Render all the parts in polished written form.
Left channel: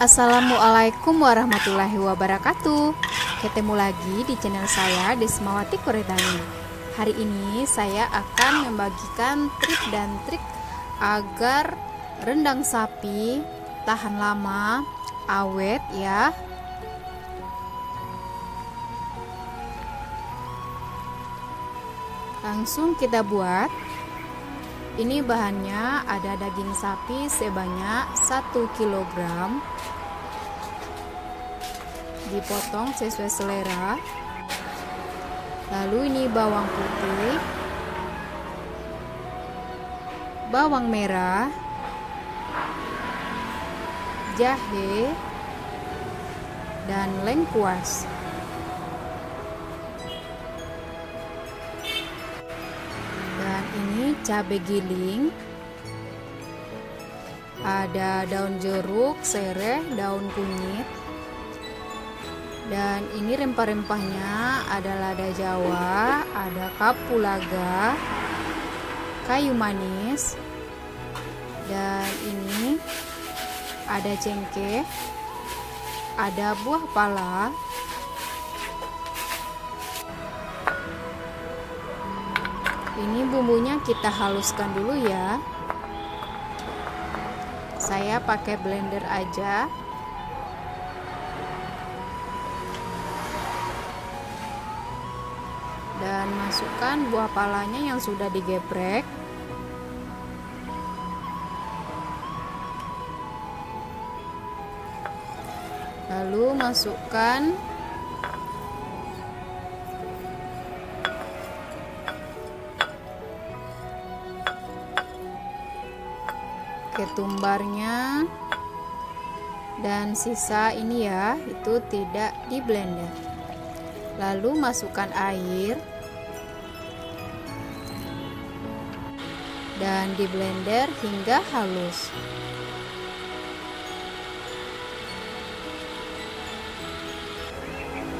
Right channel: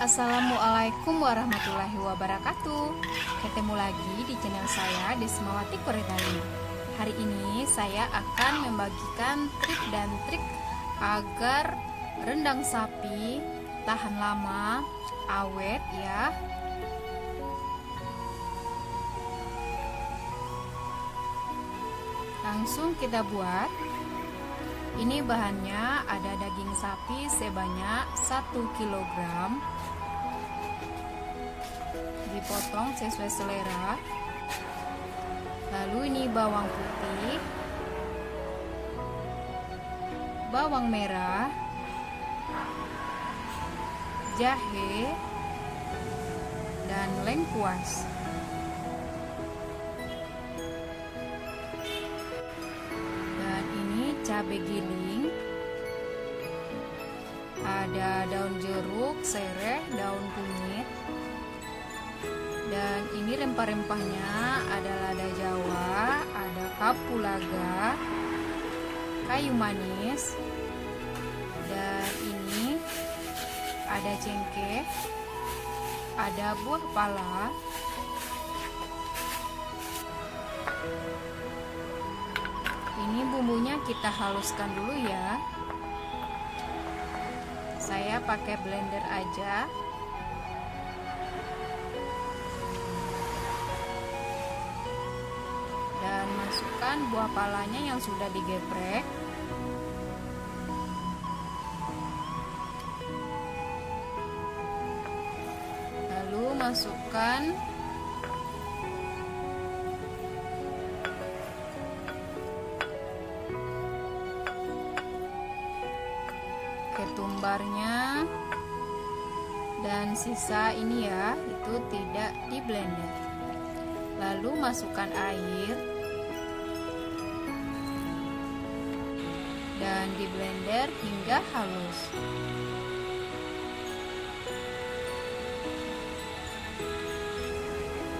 Assalamualaikum warahmatullahi wabarakatuh. Ketemu lagi di channel saya Desmawati Koredani. Hari ini saya akan membagikan trik dan trik agar rendang sapi tahan lama, awet ya. Langsung kita buat. Ini bahannya ada daging sapi sebanyak 1 kg, dipotong sesuai selera. Lalu ini bawang putih, bawang merah, jahe, dan lengkuas. Cabai giling, ada daun jeruk, sereh, daun kunyit, dan ini rempah-rempahnya ada lada Jawa, ada kapulaga, kayu manis, dan ini ada cengkeh, ada buah pala. Ini bumbunya kita haluskan dulu ya. Saya pakai blender aja. Dan masukkan buah palanya yang sudah digeprek. Lalu masukkan ketumbarnya, dan sisa ini ya, itu tidak di blender. Lalu masukkan air dan di blender hingga halus.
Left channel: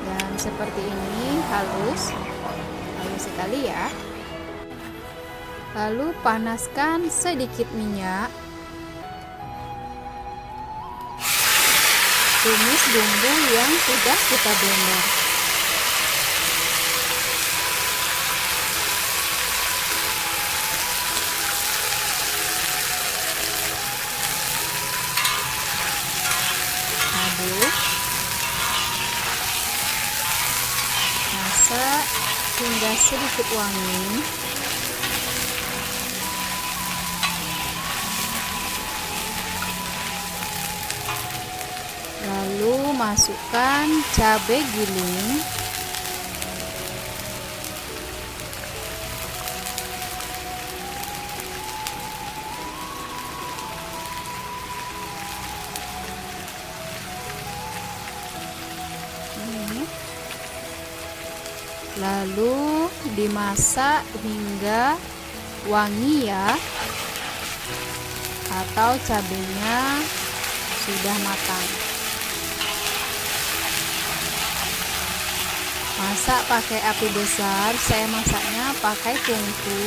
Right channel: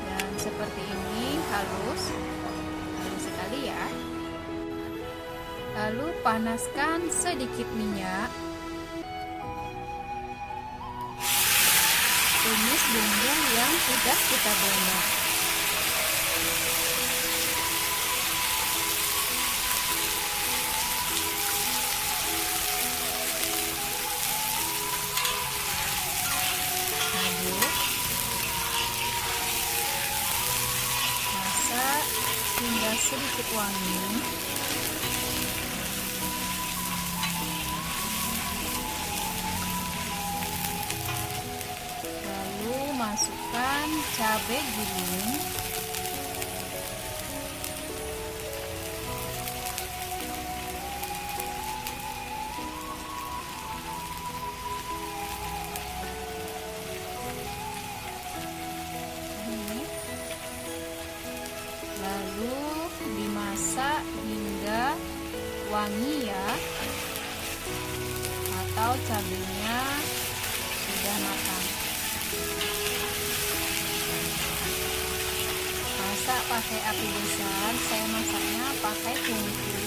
Dan seperti ini, halus sekali ya. Lalu panaskan sedikit minyak. Tumis bumbu yang sudah kita blender. Aduk, masak hingga sedikit wangi. Masukkan cabai giling, lalu dimasak hingga wangi ya, atau cabainya sudah matang. Masak pakai api besar, saya masaknya pakai tungku,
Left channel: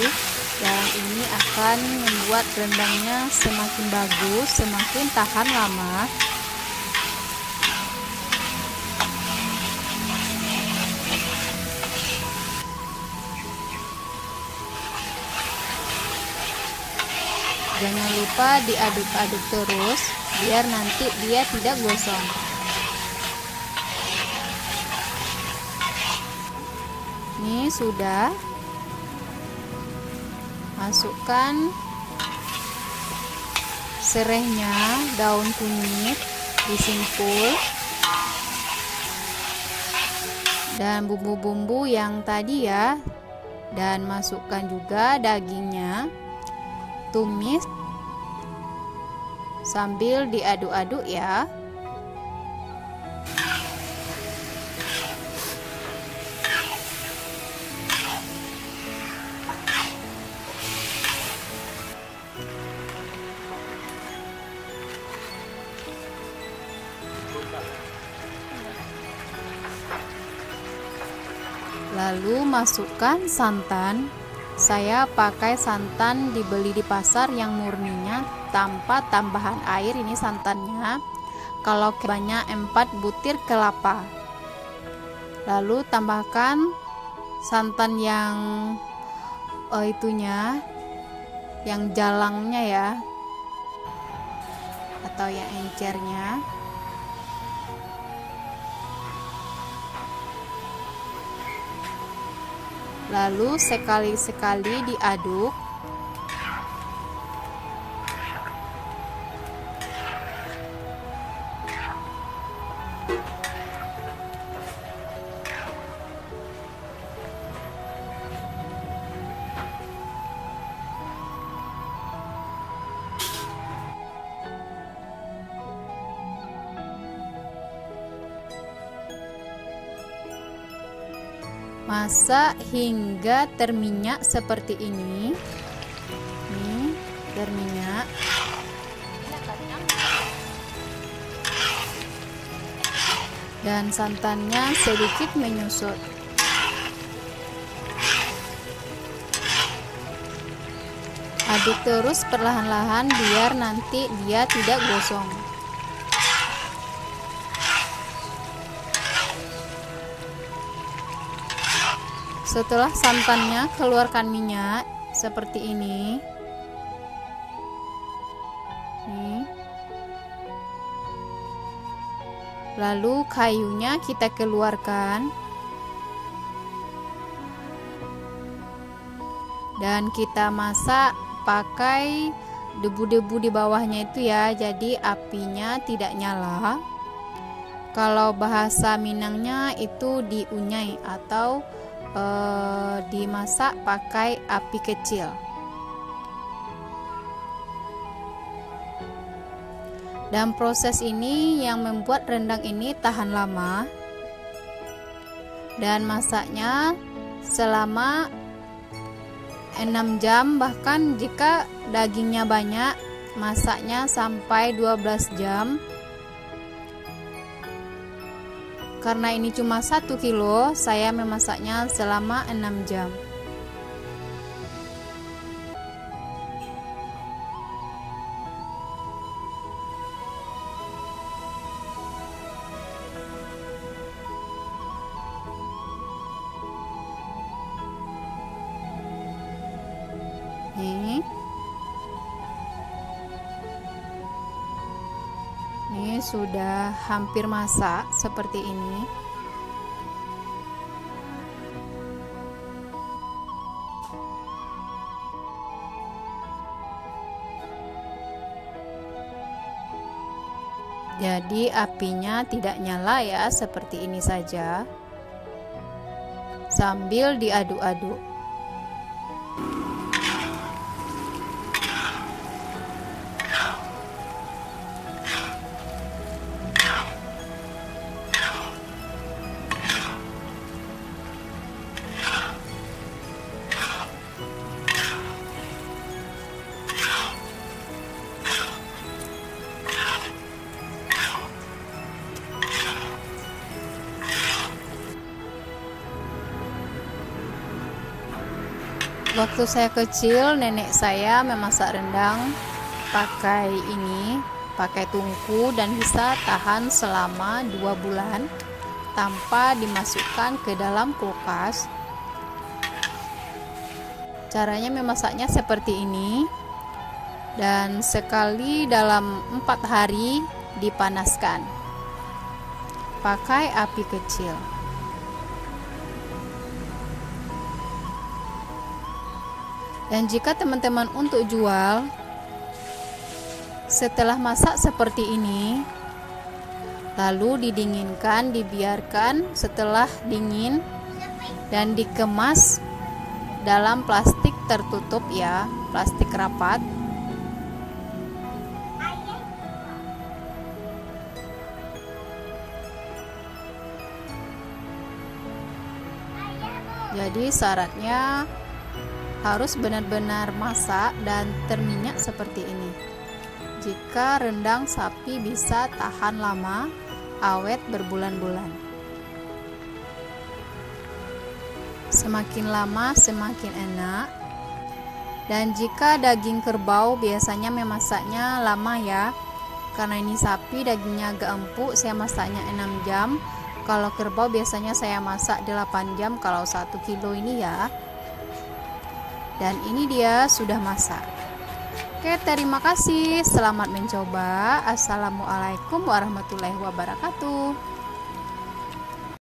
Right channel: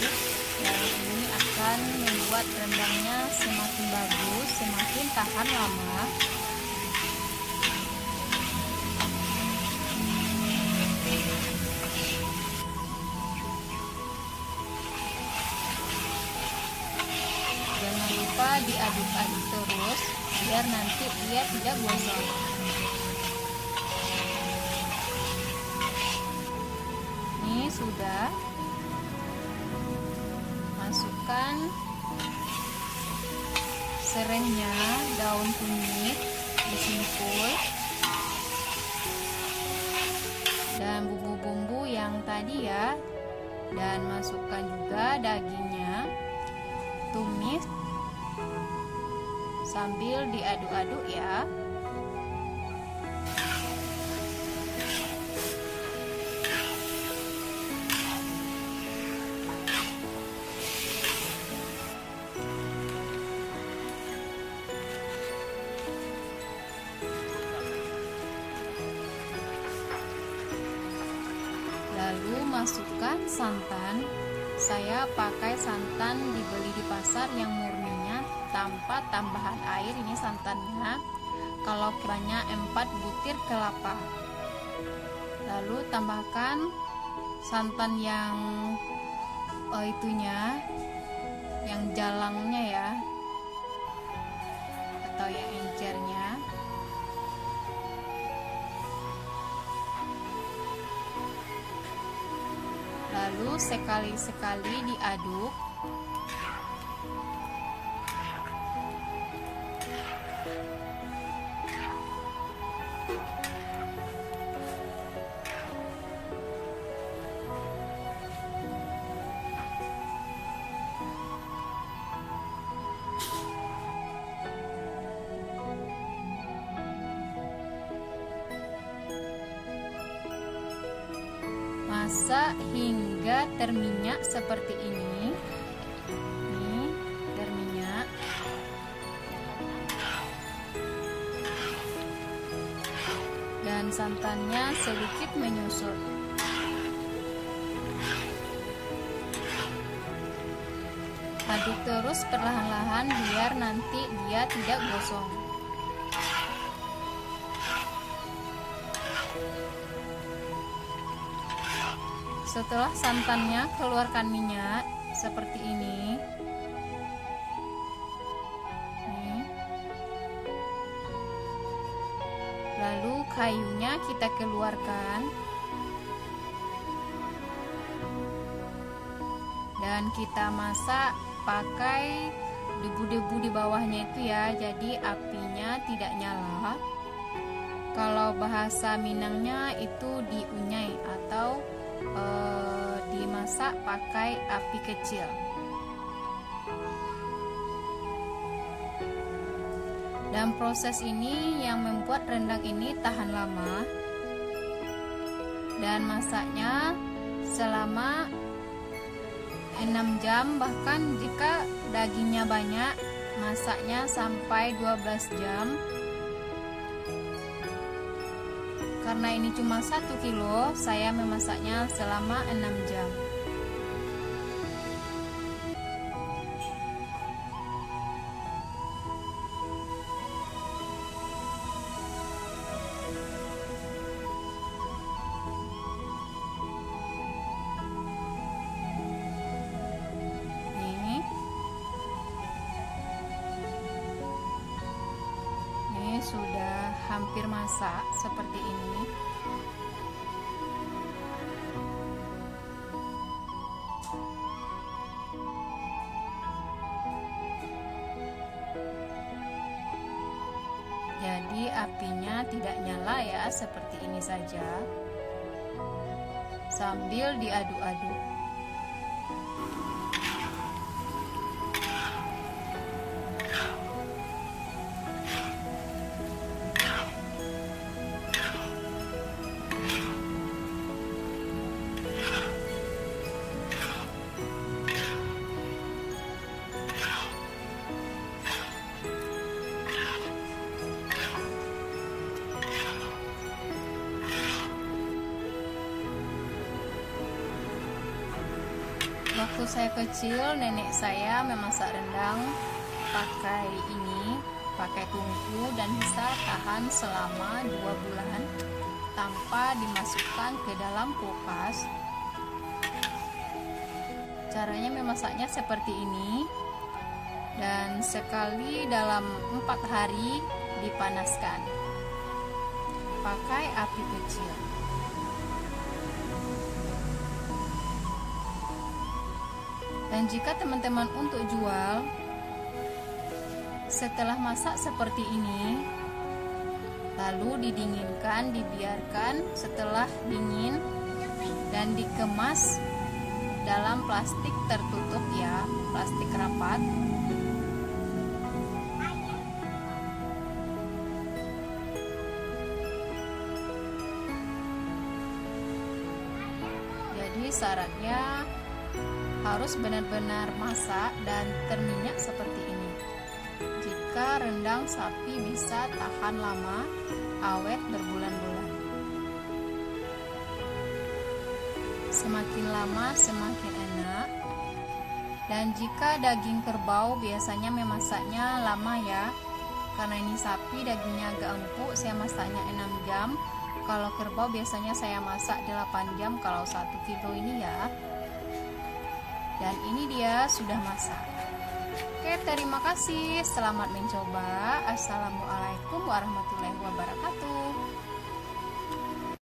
dan ini akan membuat rendangnya semakin bagus, semakin tahan lama. Jangan lupa diaduk-aduk terus, biar nanti dia tidak gosong. Ini sudah. Masukkan serehnya, daun kunyit disimpul, dan bumbu-bumbu yang tadi ya, dan masukkan juga dagingnya. Tumis sambil diaduk-aduk ya. Lalu masukkan santan. Saya pakai santan dibeli di pasar yang murninya tanpa tambahan air, ini santannya. kalau banyak 4 butir kelapa. Lalu tambahkan santan yang yang jalangnya ya, atau yang encernya. Lalu sekali-sekali diaduk. Masak hingga terminyak seperti ini. Nih, berminyak. Dan santannya sedikit menyusut. Aduk terus perlahan-lahan biar nanti dia tidak gosong. Setelah santannya keluarkan minyak seperti ini. Nih. Lalu kayunya kita keluarkan. Dan kita masak pakai debu-debu di bawahnya itu ya. Jadi apinya tidak nyala. Kalau bahasa Minangnya itu diunyai atau dimasak pakai api kecil. Dan proses ini yang membuat rendang ini tahan lama, dan masaknya selama 6 jam, bahkan jika dagingnya banyak masaknya sampai 12 jam. Karena ini cuma 1 kilo, saya memasaknya selama 6 jam. Ini sudah hampir masak seperti ini. Jadi apinya tidak nyala ya, seperti ini saja. Sambil diaduk-aduk. Waktu saya kecil, nenek saya memasak rendang pakai tungku, dan bisa tahan selama 2 bulan tanpa dimasukkan ke dalam kulkas. Caranya memasaknya seperti ini, dan sekali dalam 4 hari dipanaskan pakai api kecil. Dan jika teman-teman untuk jual, setelah masak seperti ini, lalu didinginkan, dibiarkan setelah dingin, dan dikemas dalam plastik tertutup ya, plastik rapat. Jadi syaratnya harus benar-benar masak dan terminyak seperti ini. Jika rendang sapi bisa tahan lama, awet berbulan-bulan. Semakin lama semakin enak. Dan jika daging kerbau biasanya memasaknya lama ya, Karena ini sapi dagingnya agak empuk, saya masaknya 6 jam. Kalau kerbau biasanya saya masak 8 jam kalau 1 kilo ini ya. Dan ini dia sudah masak. Oke, terima kasih. Selamat mencoba. Assalamualaikum warahmatullahi wabarakatuh.